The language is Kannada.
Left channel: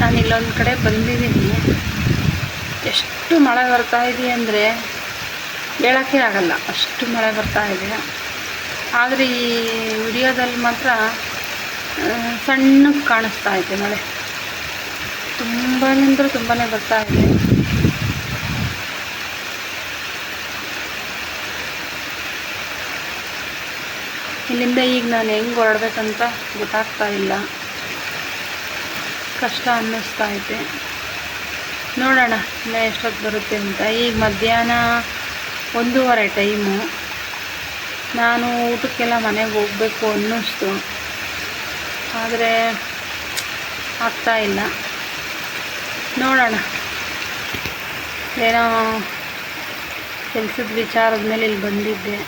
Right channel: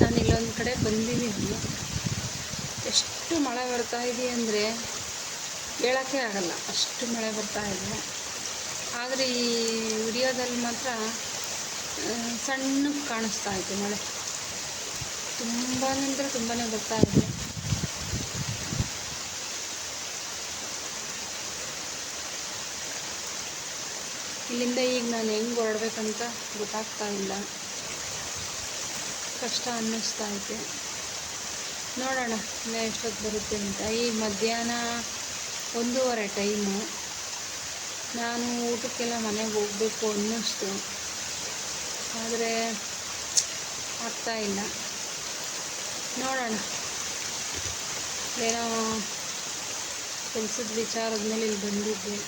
ನಾನು ಇಲ್ಲೊಂದು ಕಡೆ ಬಂದಿದ್ದೀನಿ. ಎಷ್ಟು ಮಳೆ ಬರ್ತಾ ಇದೆ ಅಂದರೆ ಹೇಳೋಕ್ಕೆ ಆಗಲ್ಲ, ಅಷ್ಟು ಮಳೆ ಬರ್ತಾ ಇದೆ. ಆದರೆ ಈ ವಿಡಿಯೋದಲ್ಲಿ ಮಾತ್ರ ಸಣ್ಣಗೆ ಕಾಣಿಸ್ತಾ ಇದೆ ಮಳೆ. ತುಂಬಾ ಅಂದರೆ ತುಂಬಾ ಬರ್ತಾ ಇದೆ. ಇಲ್ಲಿಂದ ಈಗ ನಾನು ಹೆಂಗೆ ಹೊರಡ್ಬೇಕಂತ ಗೊತ್ತಾಗ್ತಾ ಇಲ್ಲ, ಕಷ್ಟ ಅನ್ನಿಸ್ತಾ ಐತೆ. ನೋಡೋಣ ಇನ್ನು ಎಷ್ಟೊತ್ತು ಬರುತ್ತೆ ಅಂತ. ಈಗ ಮಧ್ಯಾಹ್ನ 1:15 ಟೈಮು. ನಾನು ಊಟಕ್ಕೆಲ್ಲ ಮನೆಗೆ ಹೋಗಬೇಕು ಅನ್ನಿಸ್ತು, ಆದರೆ ಆಗ್ತಾಯಿಲ್ಲ. ನೋಡೋಣ, ಏನೋ ಕೆಲಸದ ವಿಚಾರದ ಮೇಲೆ ಇಲ್ಲಿ ಬಂದಿದ್ದೆ.